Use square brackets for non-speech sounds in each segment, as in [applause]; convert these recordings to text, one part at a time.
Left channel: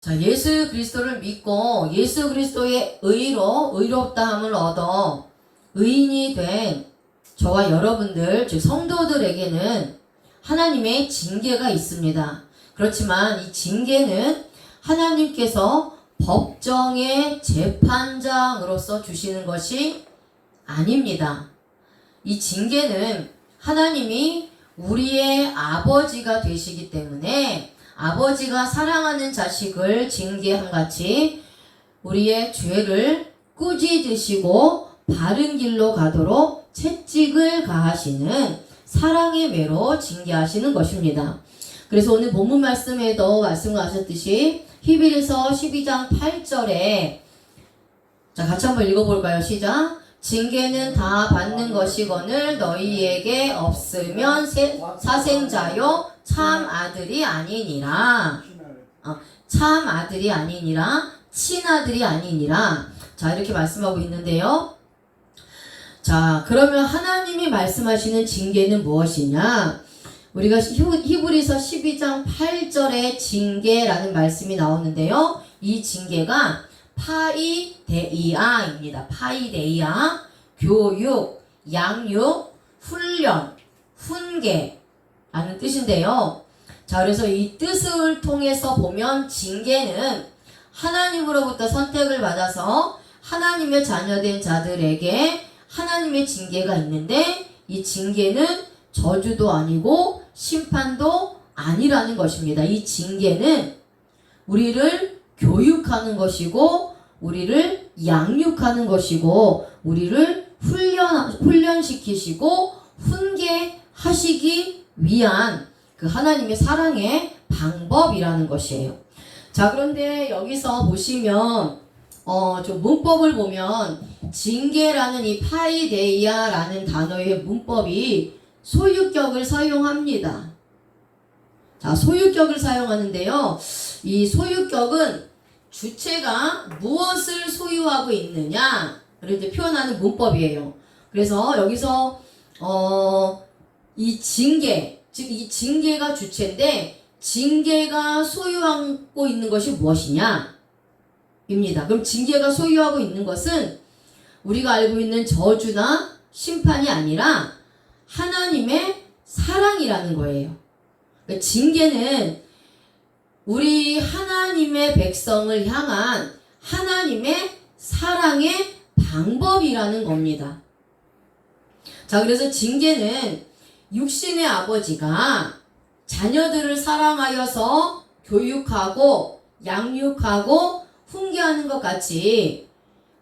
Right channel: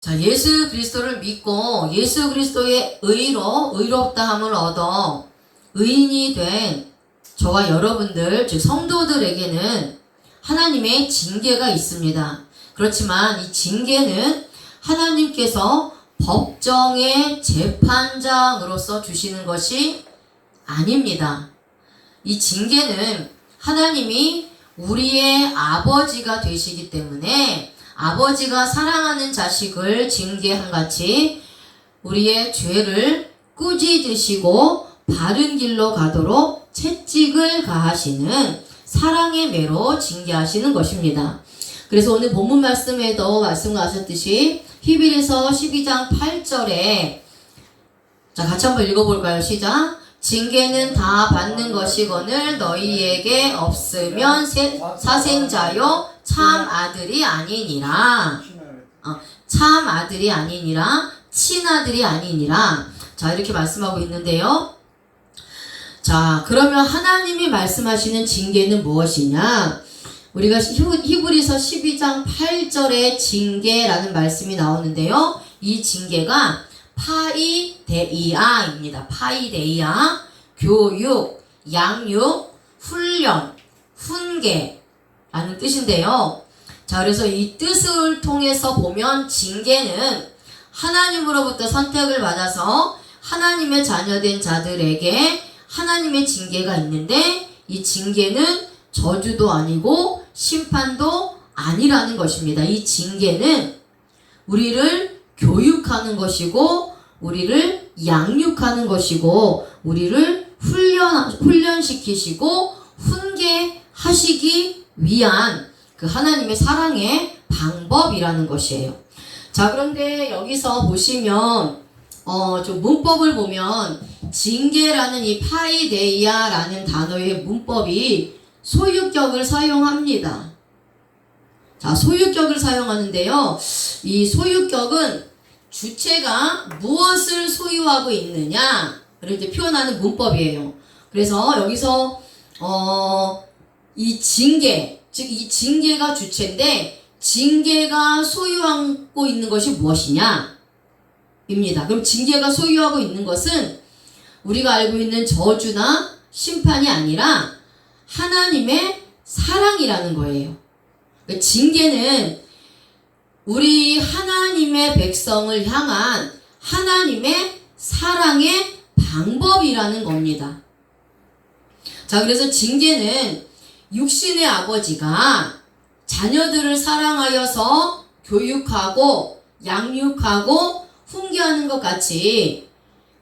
자, 예수 그리스도를 믿고 예수 그리스도의 의로 의롭다함을 얻어 의인이 된 저와 여러분들, 즉 성도들에게는 하나님의 징계가 있습니다. 그렇지만 이 징계는 하나님께서 법정의 재판장으로서 주시는 것이 아닙니다. 이 징계는 하나님이 우리의 아버지가 되시기 때문에 아버지가 사랑하는 자식을 징계한 같이 우리의 죄를 꾸짖으시고 바른 길로 가도록 채찍을 가하시는 사랑의 매로 징계하시는 것입니다. 그래서 오늘 본문 말씀에도 말씀하셨듯이 히브리서 12장 8절에 자 같이 한번 읽어볼까요? 시작. 징계는 다 받는 것이거늘 너희에게 없으면 세- 사생자요 참 아들이 아니니라. 참 아들이 아니니라. 친아들이 아니니라. 자 이렇게 말씀하고 있는데요. 자 그러면 하나님이 말씀하시는 징계는 무엇이냐? 우리가 히브- 히브리서 12장 8절에 징계라는 말씀이 나오는데요. 이 징계가 파이데이아입니다. 파이데이아 교육 양육 훈련 훈계 라는 뜻인데요 자, 그래서 이 뜻을 통해서 보면 징계는 하나님으로부터 선택을 받아서 하나님의 자녀된 자들에게 하나님의 징계가 있는데 이 징계는 저주도 아니고 심판도 아니라는 것입니다. 이 징계는 우리를 교육하는 것이고 우리를 양육하는 것이고 우리를 훈련 훈련시키시고 훈계하시기 위한 그 하나님의 사랑의 방법이라는 것이에요. 자, 그런데 여기서 보시면, 어, 좀 문법을 보면, 징계라는 이 파이데이아라는 단어의 문법이 소유격을 사용합니다. 자, 소유격을 사용하는데요. 이 소유격은 주체가 무엇을 소유하고 있느냐, 를 이제 표현하는 문법이에요. 그래서 여기서, 어, 이 징계, 즉 이 징계가 주체인데 징계가 소유하고 있는 것이 무엇이냐? 입니다. 그럼 징계가 소유하고 있는 것은 우리가 알고 있는 저주나 심판이 아니라 하나님의 사랑이라는 거예요. 그러니까 징계는 우리 하나님의 백성을 향한 하나님의 사랑의 방법이라는 겁니다. 자, 그래서 징계는 육신의 아버지가 자녀들을 사랑하여서 교육하고 양육하고 훈계하는 것 같이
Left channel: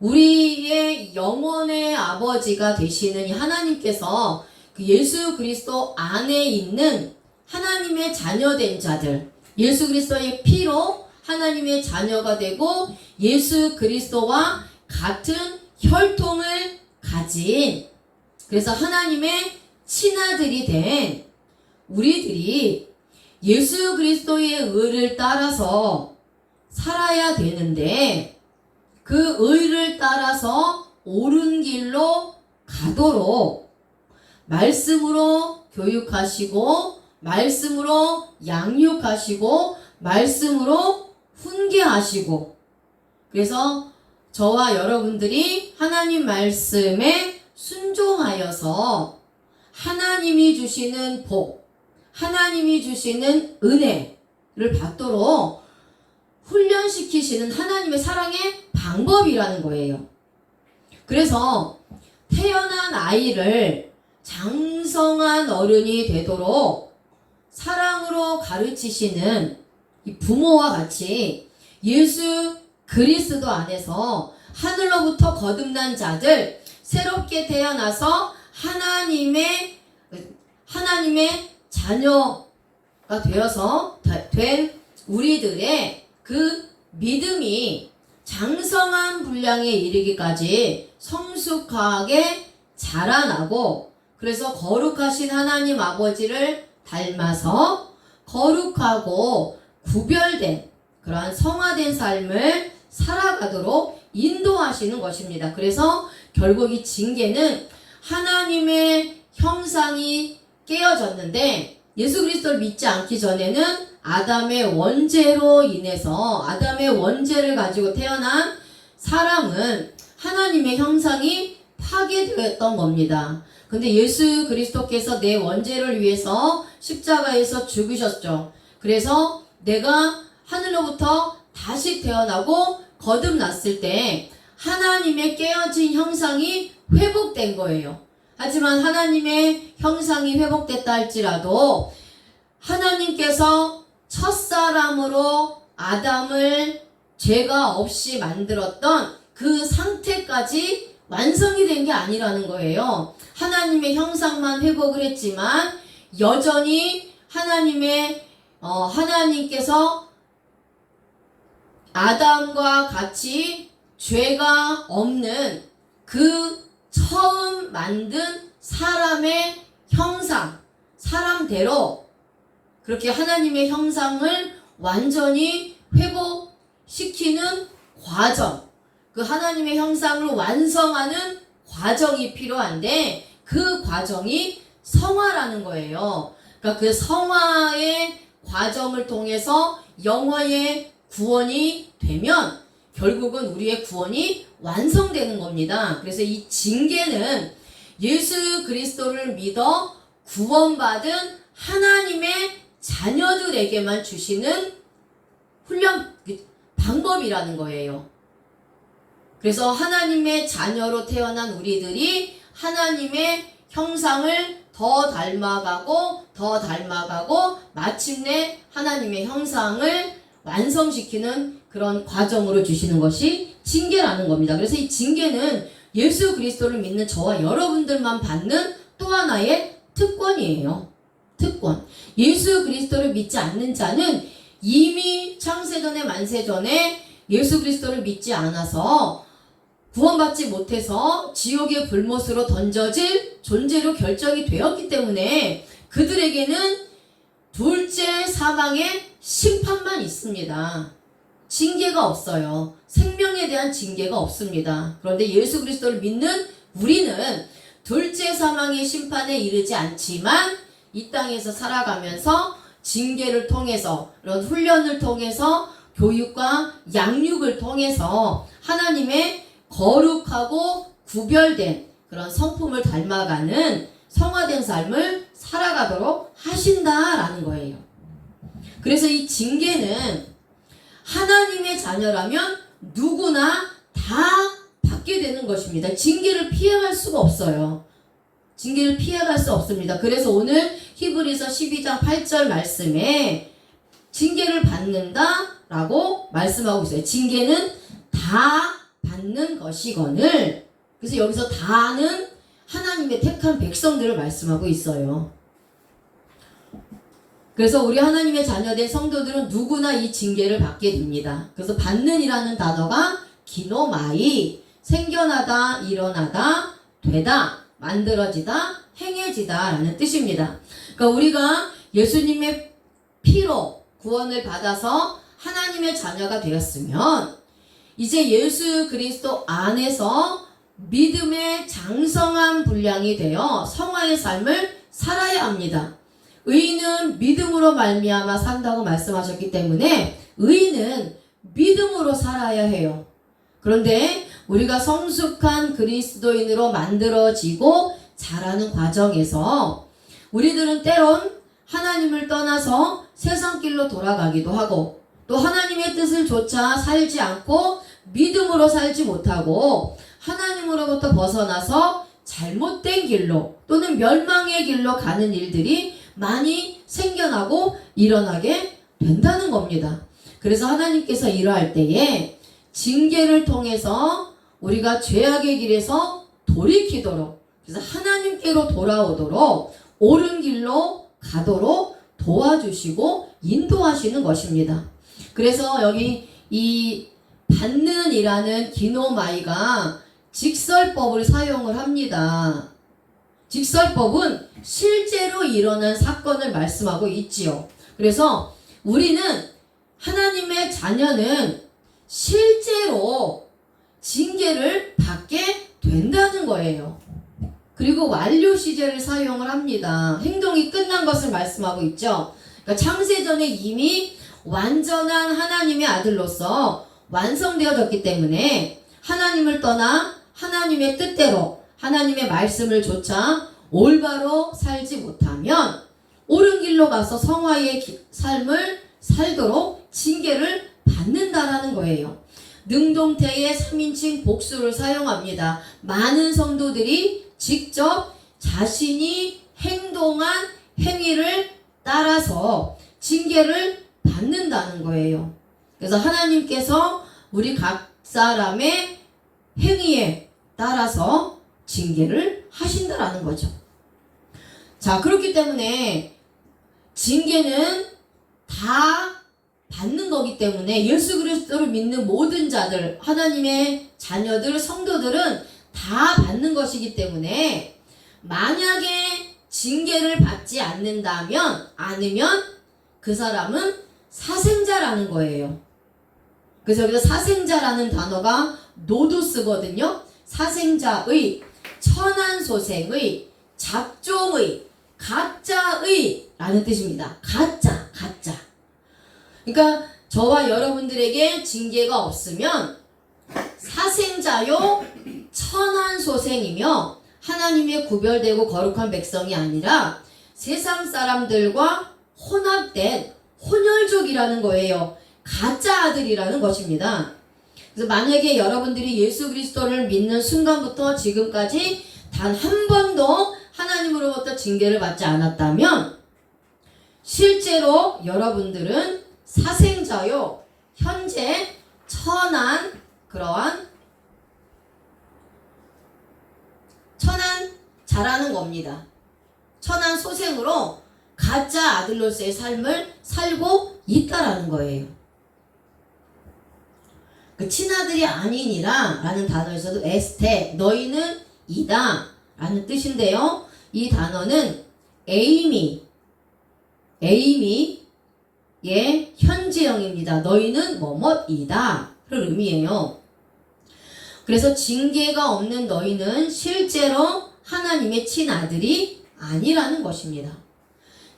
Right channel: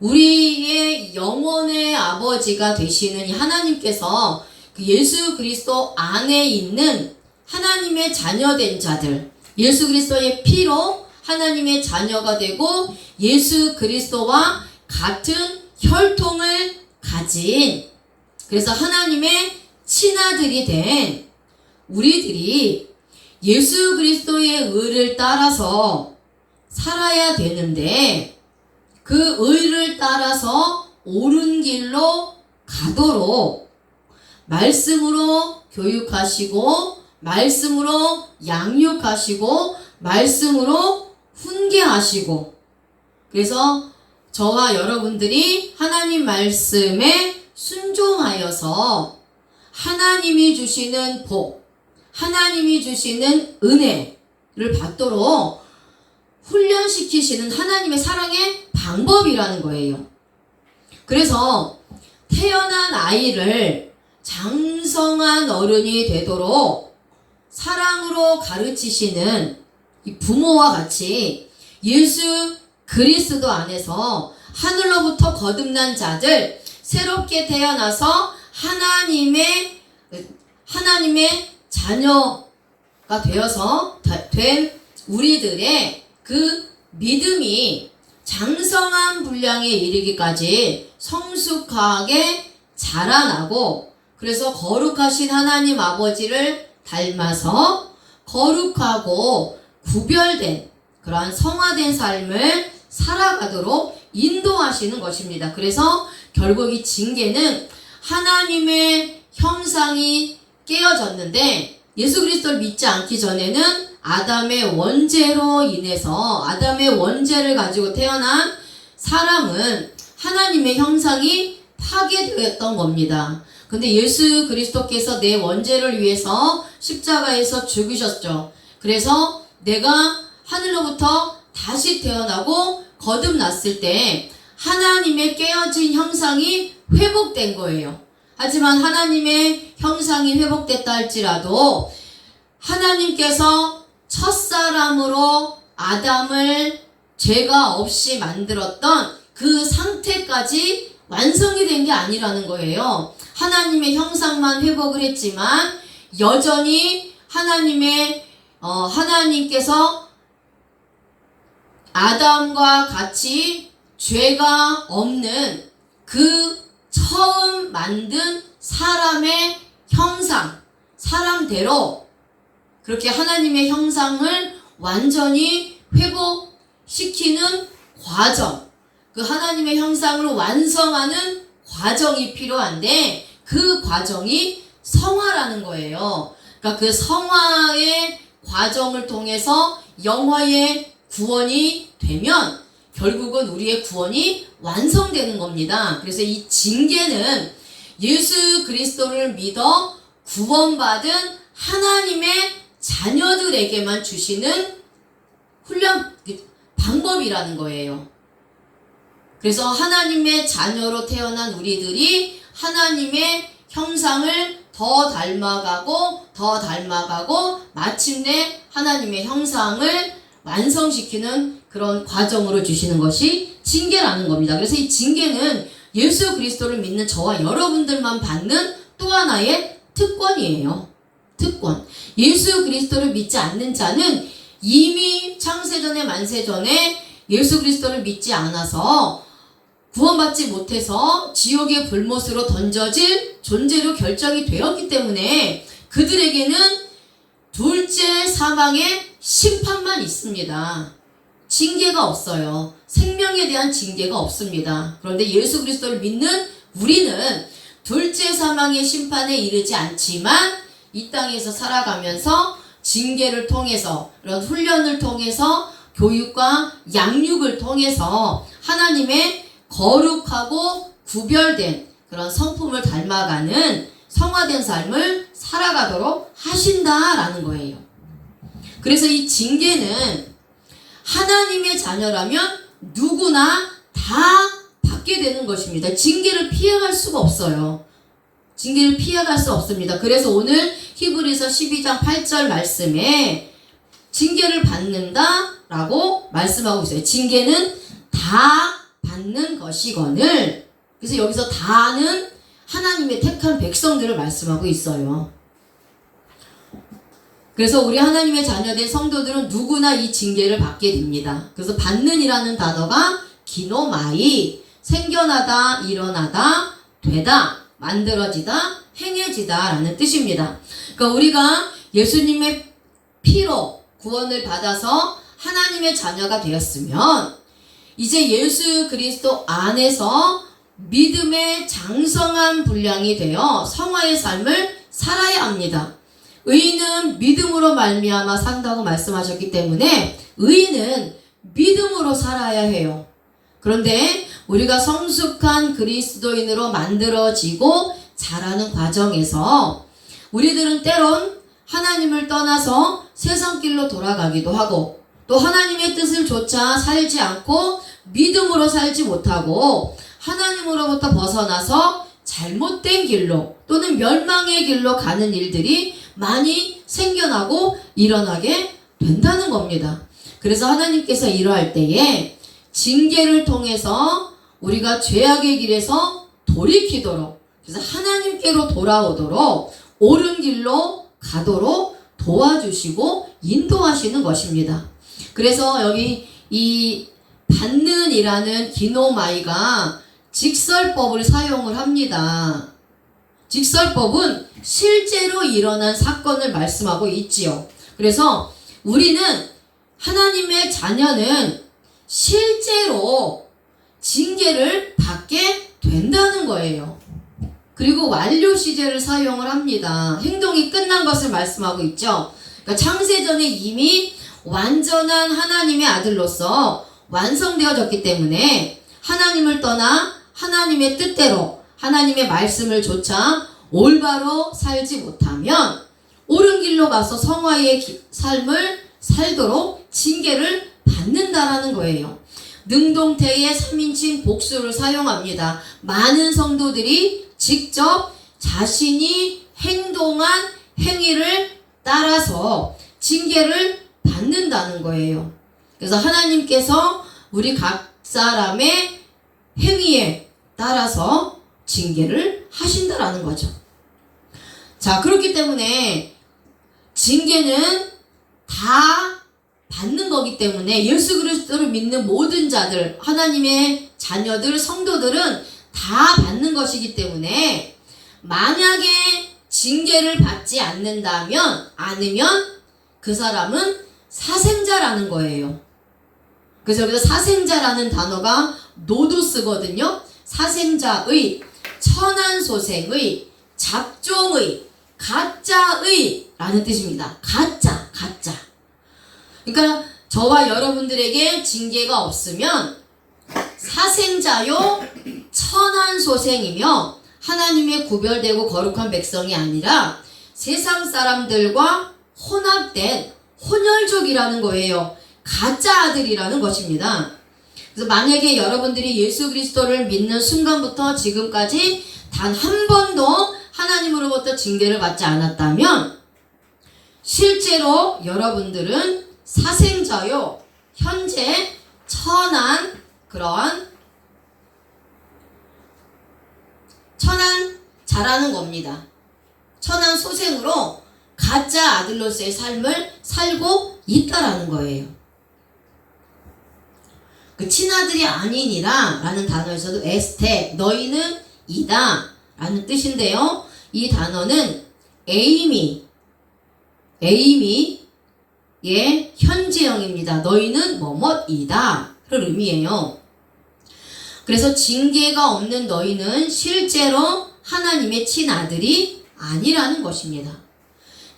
우리의 영혼의 아버지가 되시는 이 하나님께서 그 예수 그리스도 안에 있는 하나님의 자녀된 자들, 예수 그리스도의 피로 하나님의 자녀가 되고 예수 그리스도와 같은 혈통을 가진 그래서 하나님의 친아들이 된 우리들이 예수 그리스도의 의를 따라서 살아야 되는데 그 의를 따라서 옳은 길로 가도록 말씀으로 교육하시고 말씀으로 양육하시고 말씀으로 훈계하시고 그래서 저와 여러분들이 하나님 말씀에 순종하여서 하나님이 주시는 복, 하나님이 주시는 은혜를 받도록 훈련시키시는 하나님의 사랑의 방법이라는 거예요. 그래서 태어난 아이를 장성한 어른이 되도록 사랑으로 가르치시는 이 부모와 같이 예수 그리스도 안에서 하늘로부터 거듭난 자들 새롭게 태어나서 하나님의 하나님의 자녀가 되어서 다- 된 우리들의 그 믿음이 장성한 분량에 이르기까지 성숙하게 자라나고 그래서 거룩하신 하나님 아버지를 닮아서 거룩하고 구별된 그러한 성화된 삶을 살아가도록 인도하시는 것입니다. 그래서 결국 이 징계는 하나님의 형상이 깨어졌는데 예수 그리스도를 믿지 않기 전에는 아담의 원죄로 인해서 아담의 원죄를 가지고 태어난 사람은 하나님의 형상이 파괴되었던 겁니다. 근데 예수 그리스도께서 내 원죄를 위해서 십자가에서 죽으셨죠. 그래서 내가 하늘로부터 다시 태어나고 거듭났을 때 하나님의 깨어진 형상이 회복된 거예요. 하지만 하나님의 형상이 회복됐다 할지라도 하나님께서 첫사람으로 아담을 죄가 없이 만들었던 그 상태까지 완성이 된 게 아니라는 거예요. 하나님의 형상만 회복을 했지만 여전히 하나님의 어, 하나님께서 아담과 같이 죄가 없는 그 처음 만든 사람의 형상, 사람대로 그렇게 하나님의 형상을 완전히 회복시키는 과정, 그 하나님의 형상을 완성하는 과정이 필요한데 그 과정이 성화라는 거예요. 그러니까 그 성화의 과정을 통해서 영화의 구원이 되면 결국은 우리의 구원이 완성되는 겁니다. 그래서 이 징계는 예수 그리스도를 믿어 구원받은 하나님의 자녀들에게만 주시는 훈련 방법이라는 거예요. 그래서 하나님의 자녀로 태어난 우리들이 하나님의 형상을 더 닮아가고 더 닮아가고 마침내 하나님의 형상을 완성시키는 그런 과정으로 주시는 것이 징계라는 겁니다. 그래서 이 징계는 예수 그리스도를 믿는 저와 여러분들만 받는 또 하나의 특권이에요. 특권. 예수 그리스도를 믿지 않는 자는 이미 창세전에 만세전에 예수 그리스도를 믿지 않아서 구원받지 못해서 지옥의 불못으로 던져질 존재로 결정이 되었기 때문에 그들에게는 둘째 사망의 심판만 있습니다. 징계가 없어요. 생명에 대한 징계가 없습니다. 그런데 예수 그리스도를 믿는 우리는 둘째 사망의 심판에 이르지 않지만 이 땅에서 살아가면서 징계를 통해서 이런 훈련을 통해서 교육과 양육을 통해서 하나님의 거룩하고 구별된 그런 성품을 닮아가는 성화된 삶을 살아가도록 하신다라는 거예요. 그래서 이 징계는 하나님의 자녀라면 누구나 다 받게 되는 것입니다. 징계를 피해갈 수가 없어요. 징계를 피해갈 수 없습니다. 그래서 오늘 히브리서 12장 8절 말씀에 징계를 받는다 라고 말씀하고 있어요. 징계는 다 받는 것이거늘 그래서 여기서 다는 하나님의 택한 백성들을 말씀하고 있어요. 그래서 우리 하나님의 자녀된 성도들은 누구나 이 징계를 받게 됩니다. 그래서 받는이라는 단어가 기노마이 생겨나다, 일어나다, 되다, 만들어지다, 행해지다 라는 뜻입니다. 그러니까 우리가 예수님의 피로 구원을 받아서 하나님의 자녀가 되었으면 이제 예수 그리스도 안에서 믿음의 장성한 분량이 되어 성화의 삶을 살아야 합니다. 의인은 믿음으로 말미암아 산다고 말씀하셨기 때문에 의인은 믿음으로 살아야 해요. 그런데 우리가 성숙한 그리스도인으로 만들어지고 자라는 과정에서 우리들은 때론 하나님을 떠나서 세상 길로 돌아가기도 하고 또 하나님의 뜻을 조차 살지 않고 믿음으로 살지 못하고 하나님으로부터 벗어나서 잘못된 길로 또는 멸망의 길로 가는 일들이 많이 생겨나고 일어나게 된다는 겁니다. 그래서 하나님께서 이러할 때에 징계를 통해서 우리가 죄악의 길에서 돌이키도록 그래서 하나님께로 돌아오도록 옳은 길로 가도록 도와주시고 인도하시는 것입니다. 그래서 여기 이 받는이라는 기노마이가 직설법을 사용을 합니다. 직설법은 실제로 일어난 사건을 말씀하고 있지요. 그래서 우리는 하나님의 자녀는 실제로 징계를 받게 된다는 거예요. 그리고 완료 시제를 사용을 합니다. 행동이 끝난 것을 말씀하고 있죠. 그러니까 창세전에 이미 완전한 하나님의 아들로서 완성되어졌기 때문에 하나님을 떠나 하나님의 뜻대로 하나님의 말씀을 조차 올바로 살지 못하면 옳은 길로 가서 성화의 기- 삶을 살도록 징계를 받는다라는 거예요. 능동태의 3인칭 복수를 사용합니다. 많은 성도들이 직접 자신이 행동한 행위를 따라서 징계를 받는다는 거예요. 그래서 하나님께서 우리 각 사람의 행위에 따라서 징계를 하신다라는 거죠. 자, 그렇기 때문에 징계는 다 받는 거기 때문에 예수 그리스도를 믿는 모든 자들, 하나님의 자녀들, 성도들은 다 받는 것이기 때문에 만약에 징계를 받지 않는다면, 않으면 그 사람은 사생자라는 거예요. 그래서 여기서 사생자라는 단어가 노도스거든요. 사생자의, 천한소생의, 잡종의, 가짜의 라는 뜻입니다. 가짜, 가짜. 그러니까 저와 여러분들에게 징계가 없으면 사생자요 천한소생이며 하나님의 구별되고 거룩한 백성이 아니라 세상 사람들과 혼합된 혼혈족이라는 거예요. 가짜 아들이라는 것입니다. 그래서 만약에 여러분들이 예수 그리스도를 믿는 순간부터 지금까지 단 한 번도 하나님으로부터 징계를 받지 않았다면 실제로 여러분들은 사생자요 현재 천한 그러한 천한 자라는 겁니다. 천한 소생으로 가짜 아들로서의 삶을 살고 있다라는 거예요. 그 친아들이 아니니라 라는 단어에서도 에스테 너희는 이다 라는 뜻인데요. 이 단어는 에이미 에이미의 현재형입니다. 너희는 뭐뭐이다 를 의미해요. 그래서 징계가 없는 너희는 실제로 하나님의 친아들이 아니라는 것입니다.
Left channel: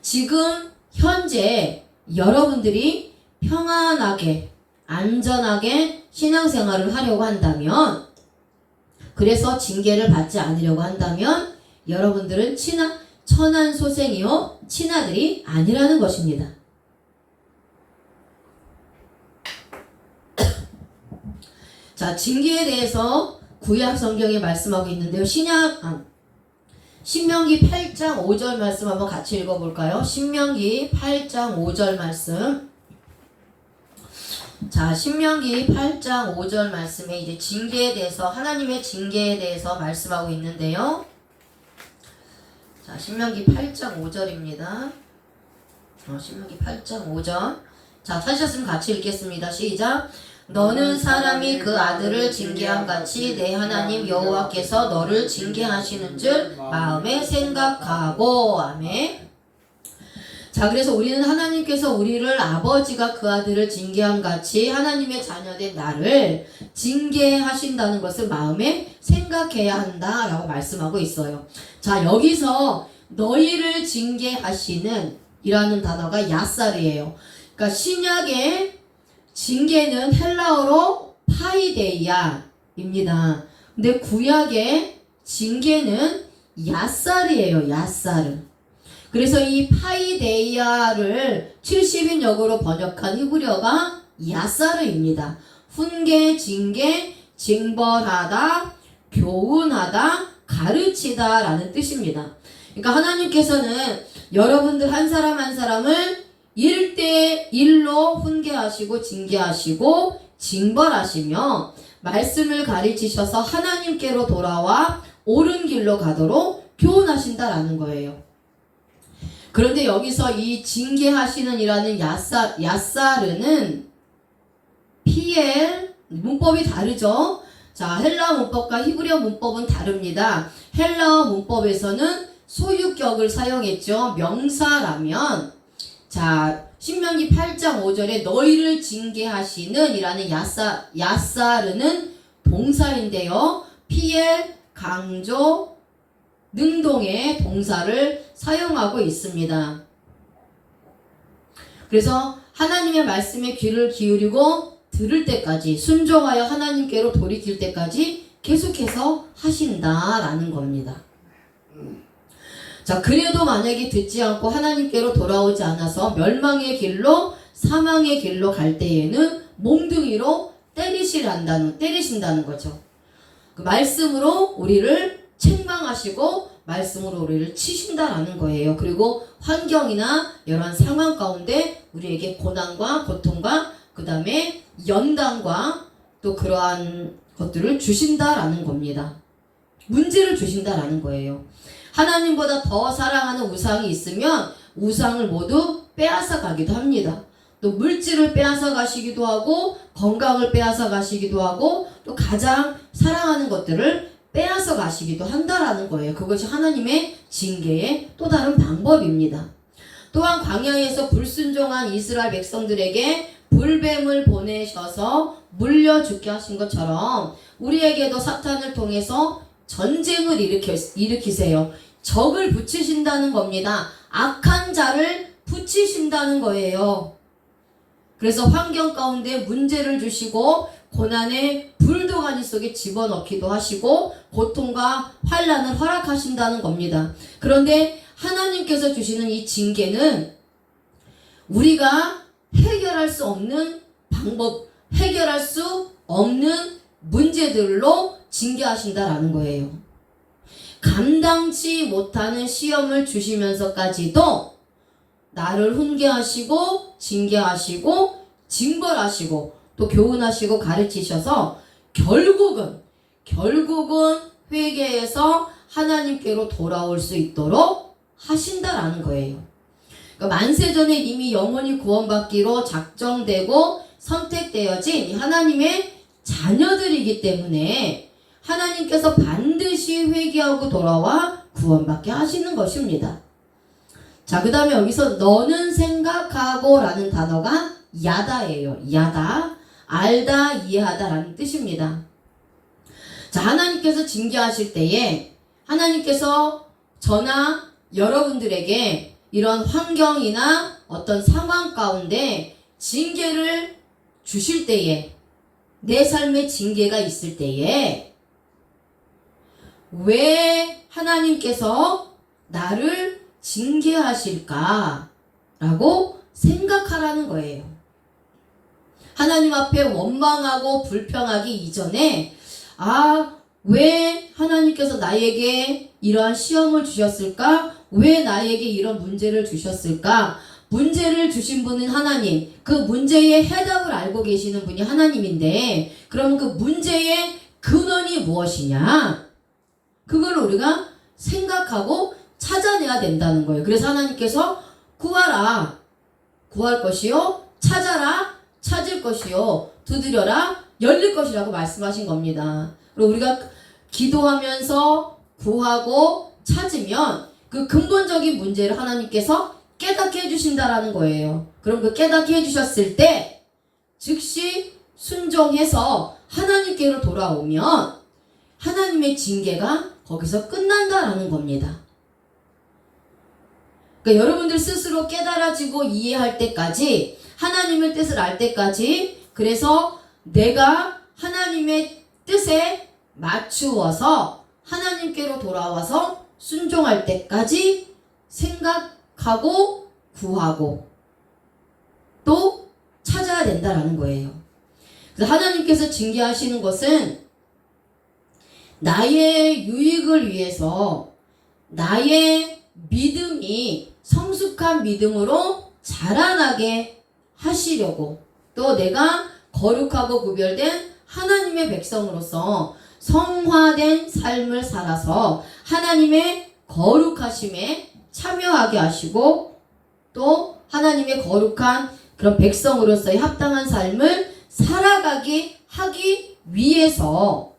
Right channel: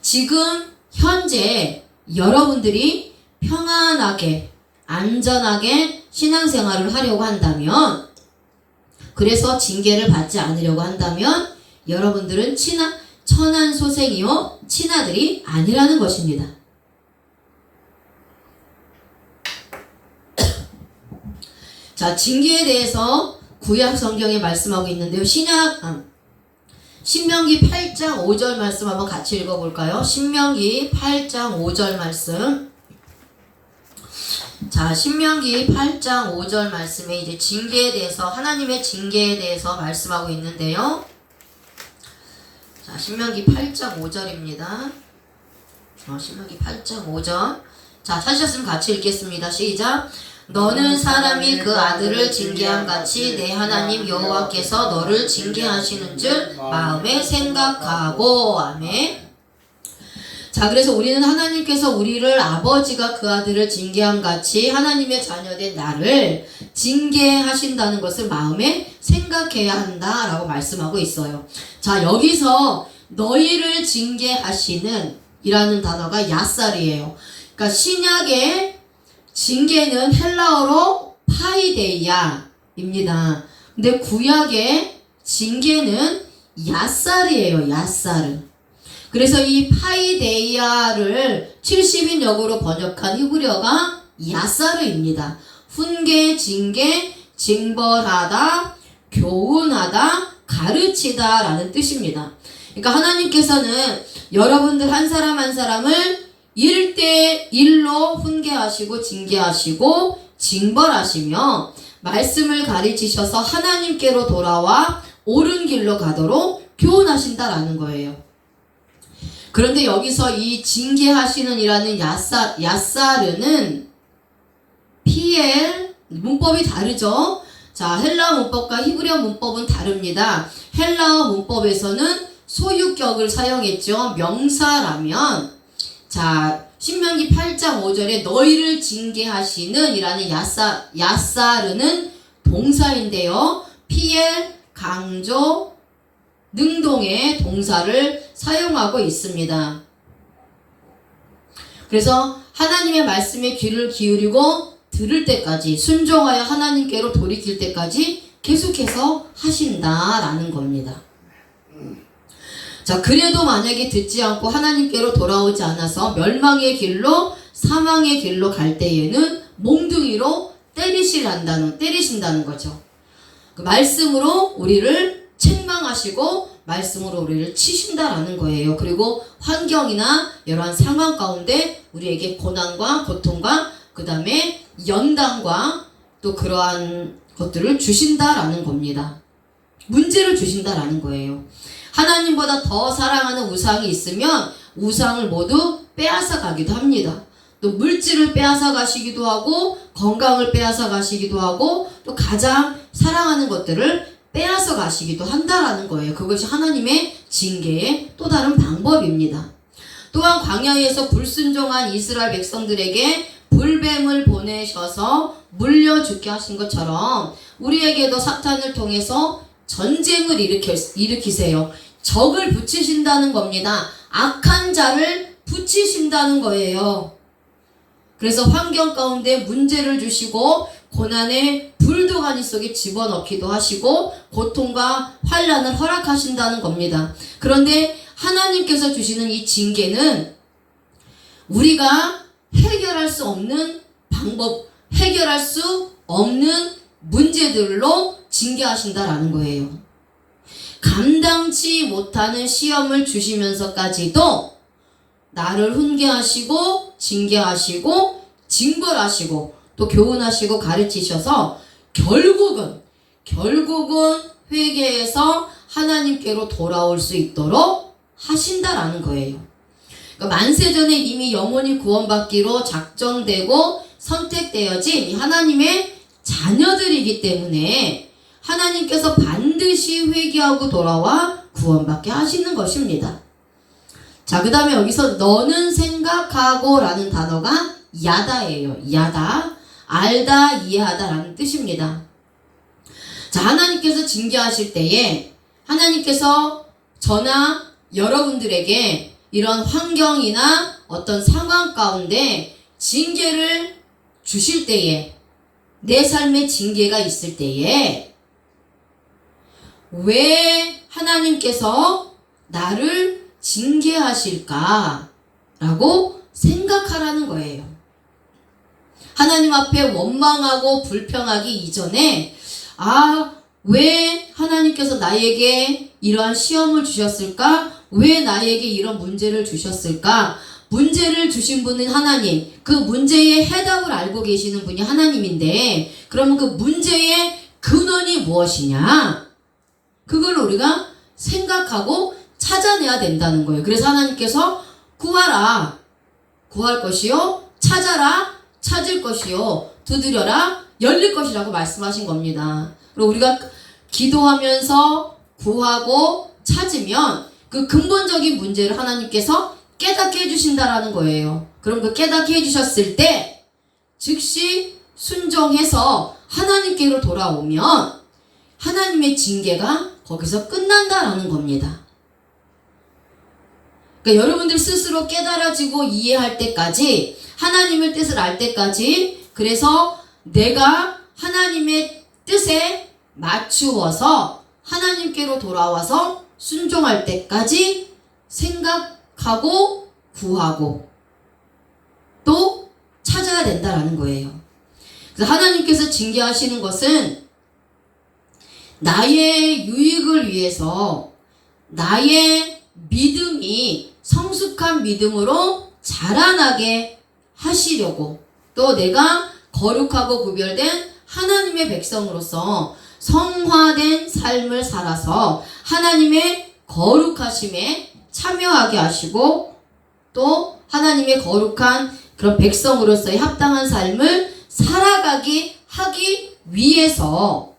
지금 현재 여러분들이 평안하게 안전하게 신앙생활을 하려고 한다면 그래서 징계를 받지 않으려고 한다면 여러분들은 친아 천한 소생이요 친아들이 아니라는 것입니다. [coughs] 자 징계에 대해서 구약 성경에 말씀하고 있는데요. 신약 아, 신명기 8장 5절 말씀 한번 같이 읽어볼까요? 신명기 8장 5절 말씀. 자, 신명기 8장 5절 말씀에 이제 징계에 대해서 하나님의 징계에 대해서 말씀하고 있는데요. 자, 신명기 8장 5절입니다. 어, 신명기 8장 5절. 자, 찾으셨으면 같이 읽겠습니다. 시작. 너는 사람이 그 아들을 징계한 같이 내 하나님 여호와께서 너를 징계하시는 줄 마음에 생각하고 아멘. 자, 그래서 우리는 하나님께서 우리를 아버지가 그 아들을 징계함 같이 하나님의 자녀된 나를 징계하신다는 것을 마음에 생각해야 한다라고 말씀하고 있어요. 자, 여기서 너희를 징계하시는 이라는 단어가 야살이에요. 그러니까 신약의 징계는 헬라어로 파이데이아입니다. 근데 구약의 징계는 야살이에요. 야살은. 그래서 이 파이데이아를 70인 역으로 번역한 히브리어가 야사르입니다. 훈계, 징계, 징벌하다, 교훈하다, 가르치다 라는 뜻입니다. 그러니까 하나님께서는 여러분들 한 사람 한 사람을 1대 1로 훈계하시고 징계하시고 징벌하시며 말씀을 가르치셔서 하나님께로 돌아와 옳은 길로 가도록 교훈하신다라는 거예요. 그런데 여기서 이 징계하시는 이라는 야사, 야사르는 PL 문법이 다르죠. 자, 헬라어 문법과 히브리어 문법은 다릅니다. 헬라어 문법에서는 소유격을 사용했죠. 명사라면 자, 신명기 8장 5절에 너희를 징계하시는 이라는 야사, 야사르는 동사인데요. PL 강조 능동의 동사를 사용하고 있습니다. 그래서 하나님의 말씀에 귀를 기울이고 들을 때까지 순종하여 하나님께로 돌이킬 때까지 계속해서 하신다라는 겁니다. 자, 그래도 만약에 듣지 않고 하나님께로 돌아오지 않아서 멸망의 길로 사망의 길로 갈 때에는 몽둥이로 때리시란다는 때리신다는 거죠. 그 말씀으로 우리를 책망하시고 말씀으로 우리를 치신다라는 거예요. 그리고 환경이나 이러한 상황 가운데 우리에게 고난과 고통과 그 다음에 연단과 또 그러한 것들을 주신다라는 겁니다. 문제를 주신다라는 거예요. 하나님보다 더 사랑하는 우상이 있으면 우상을 모두 빼앗아 가기도 합니다. 또 물질을 빼앗아 가시기도 하고 건강을 빼앗아 가시기도 하고 또 가장 사랑하는 것들을 빼앗아 가시기도 한다라는 거예요. 그것이 하나님의 징계의 또 다른 방법입니다. 또한 광야에서 불순종한 이스라엘 백성들에게 불뱀을 보내셔서 물려 죽게 하신 것처럼 우리에게도 사탄을 통해서 전쟁을 일으켜, 일으키세요. 적을 붙이신다는 겁니다. 악한 자를 붙이신다는 거예요. 그래서 환경 가운데 문제를 주시고 고난의 불도가니 속에 집어넣기도 하시고 고통과 환란을 허락하신다는 겁니다. 그런데 하나님께서 주시는 이 징계는 우리가 해결할 수 없는 방법, 해결할 수 없는 문제들로 징계하신다라는 거예요. 감당치 못하는 시험을 주시면서까지도 나를 훈계하시고 징계하시고 징벌하시고 또 교훈하시고 가르치셔서 결국은 결국은 회개해서 하나님께로 돌아올 수 있도록 하신다라는 거예요. 그러니까 만세 전에 이미 영혼이 구원받기로 작정되고 선택되어진 하나님의 자녀들이기 때문에 하나님께서 반드시 회개하고 돌아와 구원받게 하시는 것입니다. 자, 그 다음에 여기서 너는 생각하고 라는 단어가 야다예요. 야다. 알다, 이해하다 라는 뜻입니다. 자, 하나님께서 징계하실 때에 하나님께서 저나 여러분들에게 이런 환경이나 어떤 상황 가운데 징계를 주실 때에 내 삶에 징계가 있을 때에 왜 하나님께서 나를 징계하실까? 라고 생각하라는 거예요. 하나님 앞에 원망하고 불평하기 이전에, 아, 왜 하나님께서 나에게 이러한 시험을 주셨을까? 왜 나에게 이런 문제를 주셨을까? 문제를 주신 분은 하나님, 그 문제의 해답을 알고 계시는 분이 하나님인데, 그러면 그 문제의 근원이 무엇이냐? 그걸 우리가 생각하고 찾아내야 된다는 거예요. 그래서 하나님께서 구하라. 구할 것이요. 찾아라. 찾을 것이요. 두드려라. 열릴 것이라고 말씀하신 겁니다. 그리고 우리가 기도하면서 구하고 찾으면 그 근본적인 문제를 하나님께서 깨닫게 해주신다라는 거예요. 그럼 그 깨닫게 해주셨을 때 즉시 순종해서 하나님께로 돌아오면 하나님의 징계가 거기서 끝난다라는 겁니다. 그러니까 여러분들 스스로 깨달아지고 이해할 때까지 하나님의 뜻을 알 때까지 그래서 내가 하나님의 뜻에 맞추어서 하나님께로 돌아와서 순종할 때까지 생각하고 구하고 또 찾아야 된다라는 거예요. 그래서 하나님께서 징계하시는 것은 나의 유익을 위해서 나의 믿음이 성숙한 믿음으로 자라나게 하시려고 또 내가 거룩하고 구별된 하나님의 백성으로서 성화된 삶을 살아서 하나님의 거룩하심에 참여하게 하시고 또 하나님의 거룩한 그런 백성으로서의 합당한 삶을 살아가게 하기 위해서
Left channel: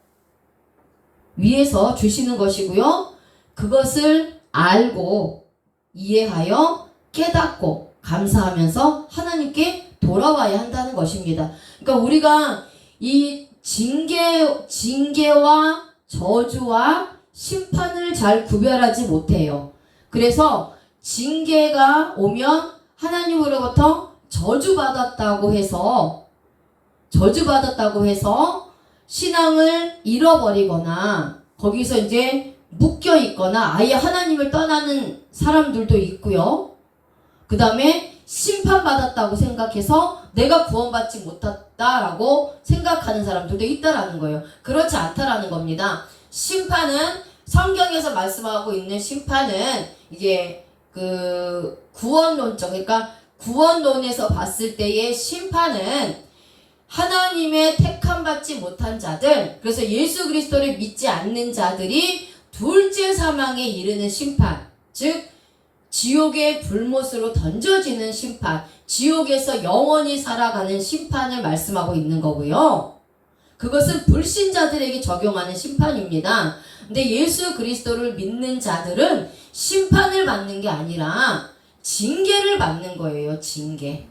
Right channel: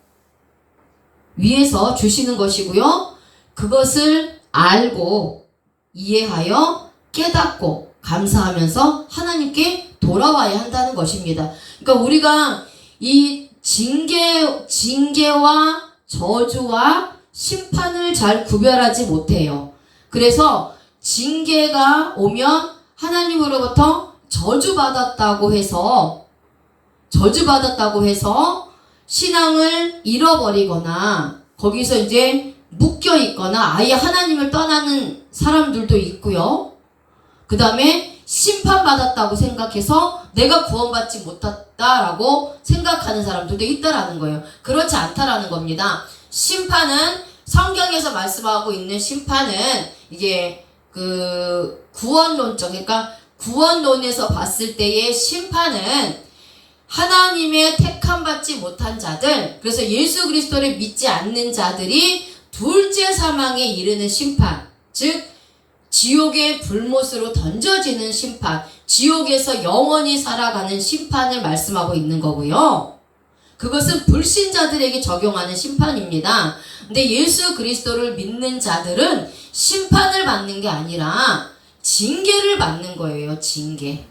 위해서 주시는 것이고요. 그것을 알고 이해하여 깨닫고 감사하면서 하나님께 돌아와야 한다는 것입니다. 그러니까 우리가 이 징계 징계와 저주와 심판을 잘 구별하지 못해요. 그래서 징계가 오면 하나님으로부터 저주받았다고 해서 저주받았다고 해서 신앙을 잃어버리거나 거기서 이제 묶여 있거나 아예 하나님을 떠나는 사람들도 있고요. 그 다음에 심판받았다고 생각해서 내가 구원받지 못했다라고 생각하는 사람들도 있다라는 거예요. 그렇지 않다라는 겁니다. 심판은 성경에서 말씀하고 있는 심판은 이게 그 구원론적 그러니까 구원론에서 봤을 때의 심판은 하나님의 택함 받지 못한 자들 그래서 예수 그리스도를 믿지 않는 자들이 둘째 사망에 이르는 심판 즉 지옥의 불못으로 던져지는 심판 지옥에서 영원히 살아가는 심판을 말씀하고 있는 거고요. 그것은 불신자들에게 적용하는 심판입니다. 근데 예수 그리스도를 믿는 자들은 심판을 받는 게 아니라 징계를 받는 거예요. 징계.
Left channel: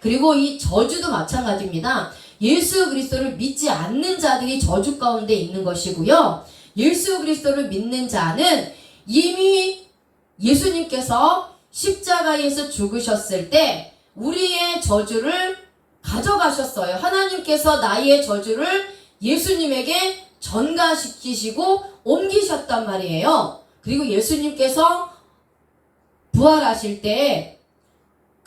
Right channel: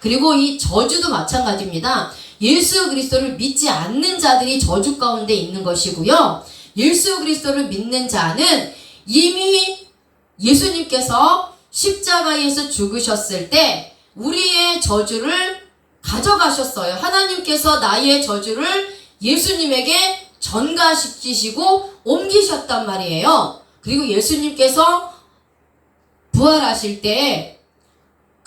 그리고 이 저주도 마찬가지입니다. 예수 그리스도를 믿지 않는 자들이 저주 가운데 있는 것이고요. 예수 그리스도를 믿는 자는 이미 예수님께서 십자가에서 죽으셨을 때 우리의 저주를 가져가셨어요. 하나님께서 나의 저주를 예수님에게 전가시키시고 옮기셨단 말이에요. 그리고 예수님께서 부활하실 때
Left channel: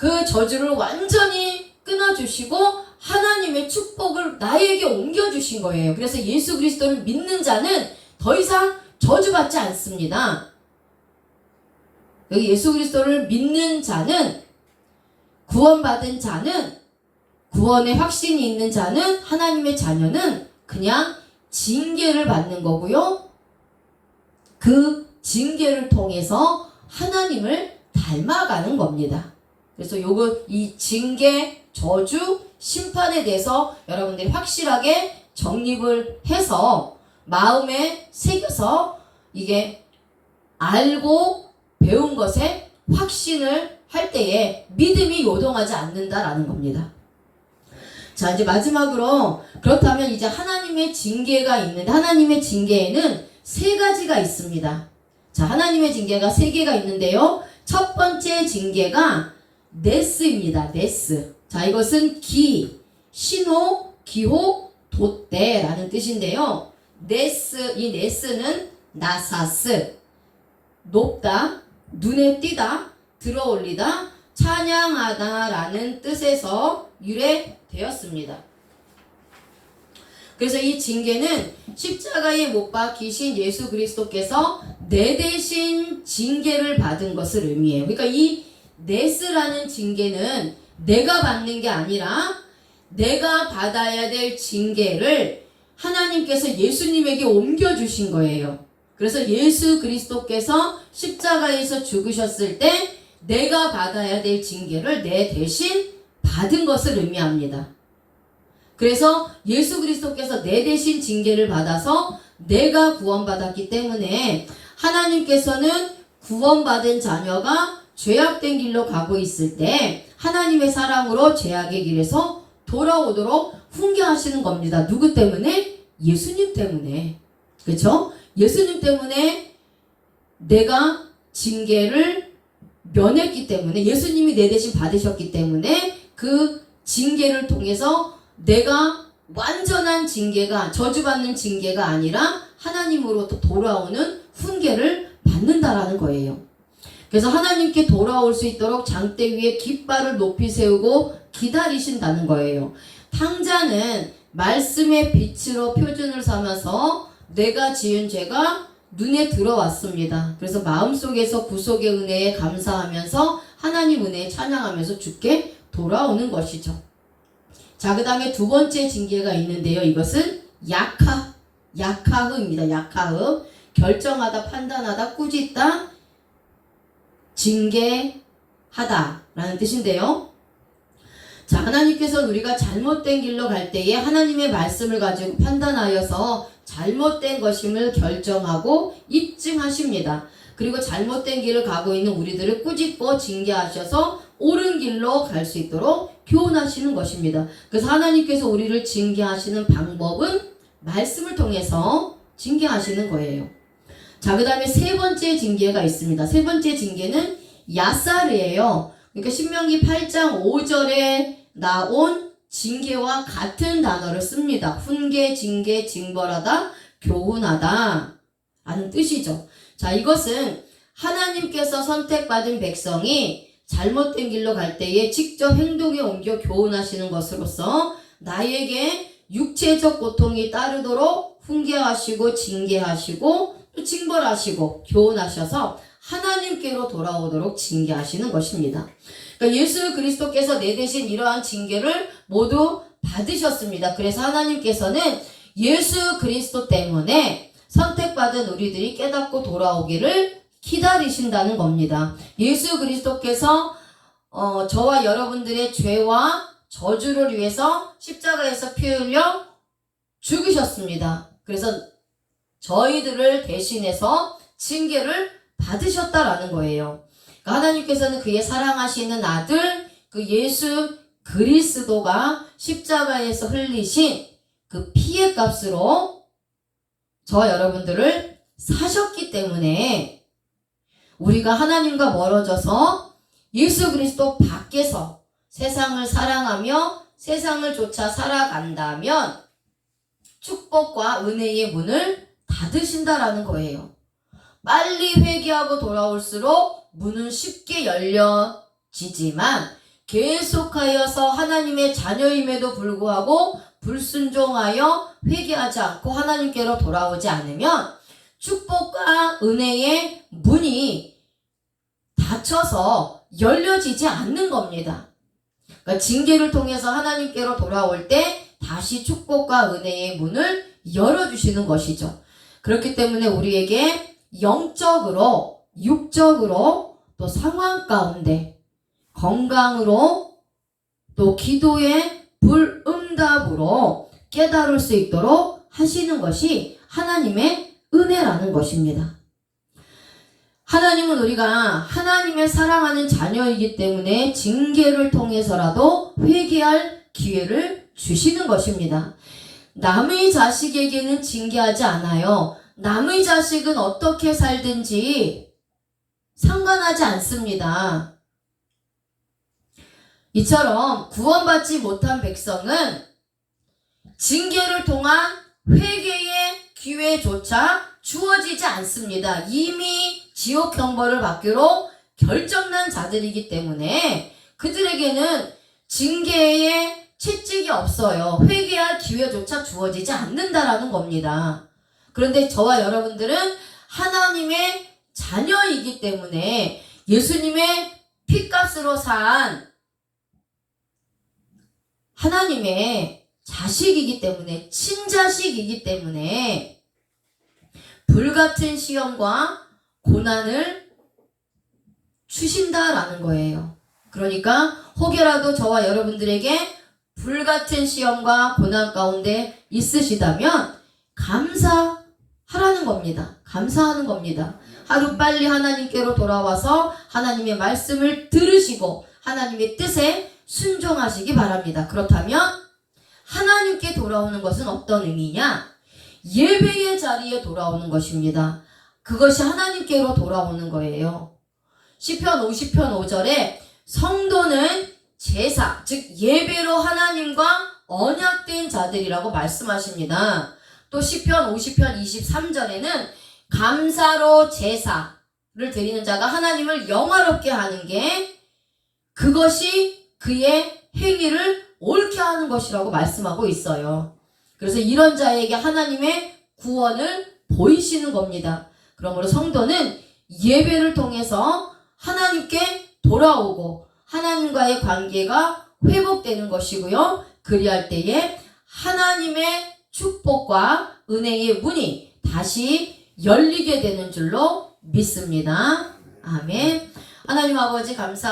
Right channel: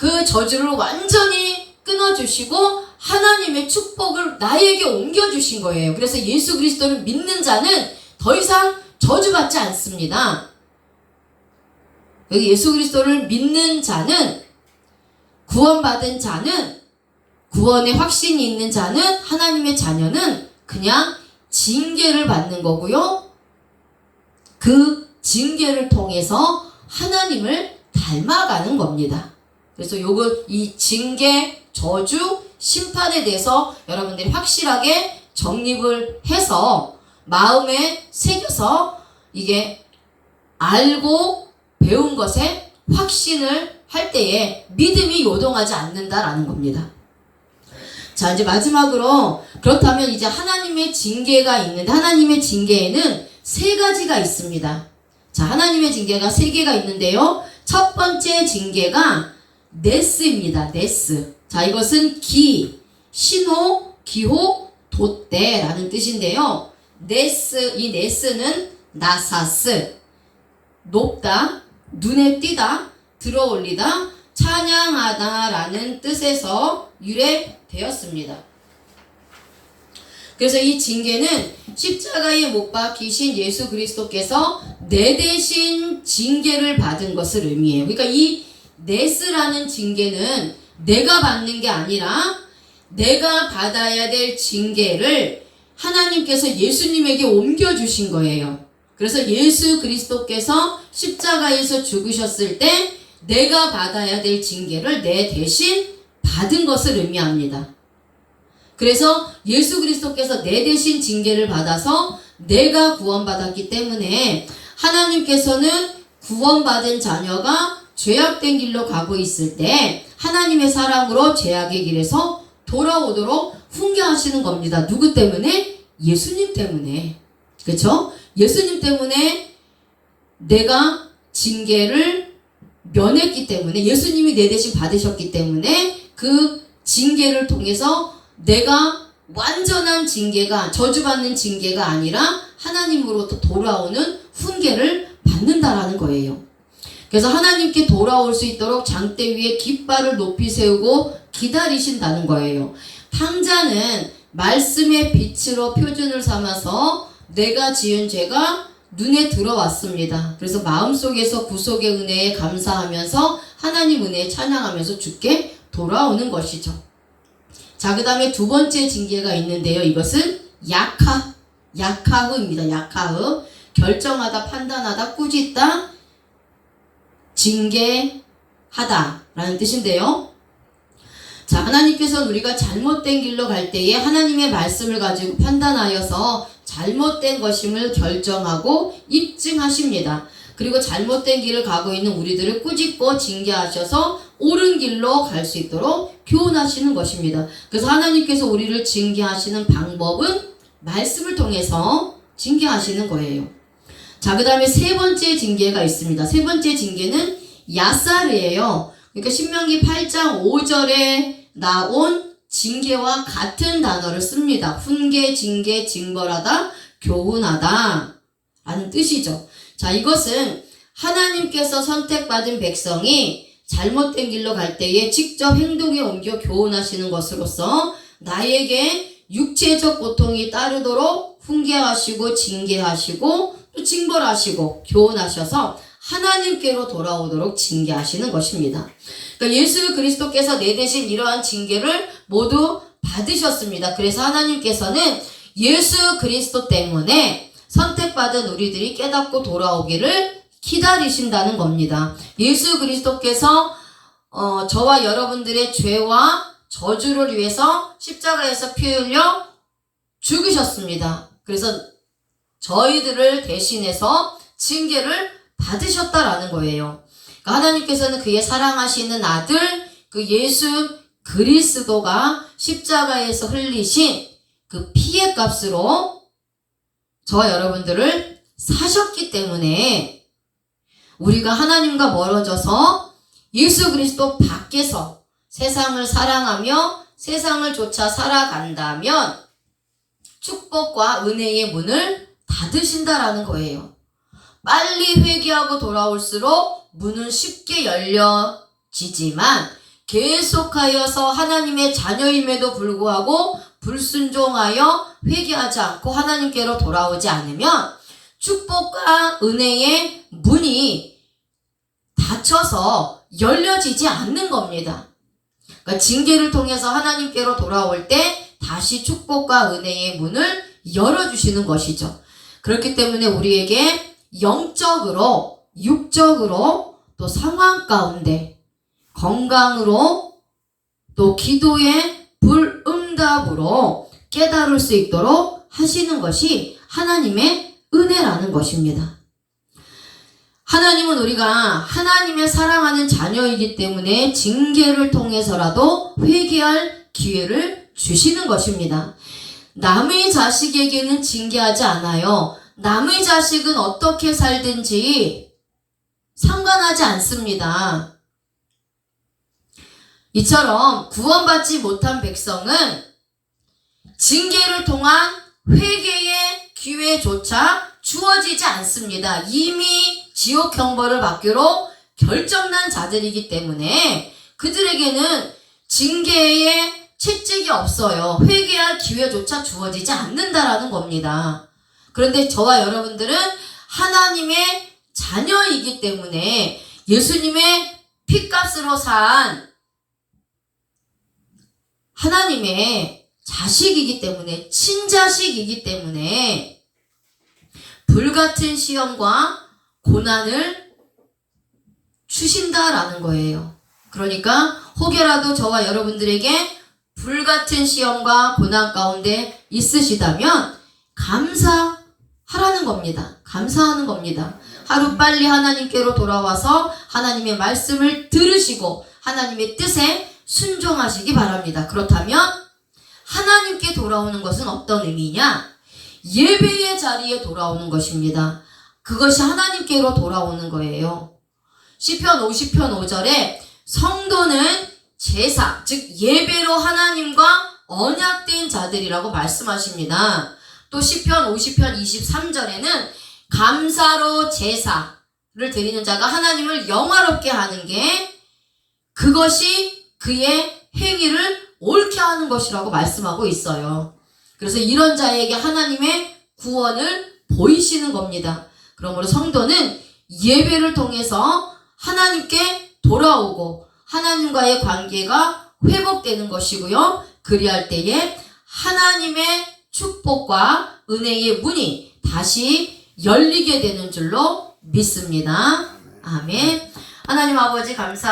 그 저주를 완전히 끊어주시고 하나님의 축복을 나에게 옮겨주신 거예요. 그래서 예수 그리스도를 믿는 자는 더 이상 저주받지 않습니다. 여기 예수 그리스도를 믿는 자는 구원받은 자는 구원의 확신이 있는 자는 하나님의 자녀는 그냥 징계를 받는 거고요. 그 징계를 통해서 하나님을 닮아가는 겁니다. 그래서 요거 이 징계, 저주, 심판에 대해서 여러분들이 확실하게 정립을 해서 마음에 새겨서 이게 알고 배운 것에 확신을 할 때에 믿음이 요동하지 않는다라는 겁니다. 자, 이제 마지막으로 그렇다면 이제 하나님의 징계가 있는데 하나님의 징계에는 세 가지가 있습니다. 자, 하나님의 징계가 세 개가 있는데요. 첫 번째 징계가 네스입니다. 네스. 자, 이것은 기, 신호, 기호, 돛대라는 뜻인데요. 네스, 이 네스는 나사스, 높다, 눈에 띄다, 들어올리다, 찬양하다라는 뜻에서 유래되었습니다. 그래서 이 징계는 십자가에 못 박히신 예수 그리스도께서 내 대신 징계를 받은 것을 의미해요. 그러니까 이 네스라는 징계는 내가 받는 게 아니라 내가 받아야 될 징계를 하나님께서 예수님에게 옮겨주신 거예요. 그래서 예수 그리스도께서 십자가에서 죽으셨을 때 내가 받아야 될 징계를 내 대신 받은 것을 의미합니다. 그래서 예수 그리스도께서 내 대신 징계를 받아서 내가 구원받았기 때문에 하나님께서는 구원받은 자녀가 죄악된 길로 가고 있을 때 하나님의 사랑으로 죄악의 길에서 돌아오도록 훈계하시는 겁니다. 누구 때문에? 예수님 때문에. 그렇죠? 예수님 때문에 내가 징계를 면했기 때문에 예수님이 내 대신 받으셨기 때문에 그 징계를 통해서 내가 완전한 징계가 저주받는 징계가 아니라 하나님으로부터 돌아오는 훈계를 받는다라는 거예요. 그래서 하나님께 돌아올 수 있도록 장대 위에 깃발을 높이 세우고 기다리신다는 거예요. 탕자는 말씀의 빛으로 표준을 삼아서 내가 지은 죄가 눈에 들어왔습니다. 그래서 마음속에서 구속의 은혜에 감사하면서 하나님 은혜에 찬양하면서 죽게 돌아오는 것이죠. 자, 그 다음에 두 번째 징계가 있는데요. 이것은 약하, 약하흐입니다. 약하흐. 결정하다, 판단하다, 꾸짖다, 징계하다 라는 뜻인데요. 자, 하나님께서는 우리가 잘못된 길로 갈 때에 하나님의 말씀을 가지고 판단하여서 잘못된 것임을 결정하고 입증하십니다. 그리고 잘못된 길을 가고 있는 우리들을 꾸짖고 징계하셔서 옳은 길로 갈 수 있도록 교훈하시는 것입니다. 그래서 하나님께서 우리를 징계하시는 방법은 말씀을 통해서 징계하시는 거예요. 자, 그 다음에 세 번째 징계가 있습니다. 세 번째 징계는 야사르예요. 그러니까 신명기 8장 5절에 나온 징계와 같은 단어를 씁니다. 훈계, 징계, 징벌하다, 교훈하다 라는 뜻이죠. 자, 이것은 하나님께서 선택받은 백성이 잘못된 길로 갈 때에 직접 행동에 옮겨 교훈하시는 것으로서 나에게 육체적 고통이 따르도록 훈계하시고 징계하시고 또 징벌하시고 교훈하셔서 하나님께로 돌아오도록 징계하시는 것입니다. 그러니까 예수 그리스도께서 내 대신 이러한 징계를 모두 받으셨습니다. 그래서 하나님께서는 예수 그리스도 때문에 선택받은 우리들이 깨닫고 돌아오기를 기다리신다는 겁니다. 예수 그리스도께서 어, 저와 여러분들의 죄와 저주를 위해서 십자가에서 피 흘려 죽으셨습니다. 그래서 저희들을 대신해서 징계를 받으셨다라는 거예요. 그러니까 하나님께서는 그의 사랑하시는 아들 그 예수 그리스도가 십자가에서 흘리신 그 피의 값으로 저와 여러분들을 사셨기 때문에 우리가 하나님과 멀어져서 예수 그리스도 밖에서 세상을 사랑하며 세상을 쫓아 살아간다면 축복과 은혜의 문을 닫으신다라는 거예요. 빨리 회개하고 돌아올수록 문은 쉽게 열려지지만 계속하여서 하나님의 자녀임에도 불구하고 불순종하여 회개하지 않고 하나님께로 돌아오지 않으면 축복과 은혜의 문이 닫혀서 열려지지 않는 겁니다. 그러니까 징계를 통해서 하나님께로 돌아올 때 다시 축복과 은혜의 문을 열어주시는 것이죠. 그렇기 때문에 우리에게 영적으로, 육적으로, 또 상황 가운데 건강으로 또 기도의 불응답으로 깨달을 수 있도록 하시는 것이 하나님의 은혜라는 것입니다. 하나님은 우리가 하나님의 사랑하는 자녀이기 때문에 징계를 통해서라도 회개할 기회를 주시는 것입니다. 남의 자식에게는 징계하지 않아요. 남의 자식은 어떻게 살든지 상관하지 않습니다. 이처럼 구원받지 못한 백성은 징계를 통한 회개의 기회조차 주어지지 않습니다. 이미 지옥 형벌을 받기로 결정난 자들이기 때문에 그들에게는 징계의 채찍이 없어요. 회개할 기회조차 주어지지 않는다라는 겁니다. 그런데 저와 여러분들은 하나님의 자녀이기 때문에 예수님의 피값으로 산 하나님의 자식이기 때문에 친자식이기 때문에 불같은 시험과 고난을 주신다라는 거예요. 그러니까 혹여라도 저와 여러분들에게 불같은 시험과 고난 가운데 있으시다면 감사 하라는 겁니다. 감사하는 겁니다. 하루 빨리 하나님께로 돌아와서 하나님의 말씀을 들으시고 하나님의 뜻에 순종하시기 바랍니다. 그렇다면 하나님께 돌아오는 것은 어떤 의미냐? 예배의 자리에 돌아오는 것입니다. 그것이 하나님께로 돌아오는 거예요. 시편 50편 5절에 성도는 제사, 즉 예배로 하나님과 언약된 자들이라고 말씀하십니다. 또 시편 50편 23절에는 감사로 제사를 드리는 자가 하나님을 영화롭게 하는 게 그것이 그의 행위를 옳게 하는 것이라고 말씀하고 있어요. 그래서 이런 자에게 하나님의 구원을 보이시는 겁니다. 그러므로 성도는 예배를 통해서 하나님께 돌아오고 하나님과의 관계가 회복되는 것이고요. 그리할 때에 하나님의 축복과 은혜의 문이 다시 열리게 되는 줄로 믿습니다. 아멘. 하나님 아버지 감사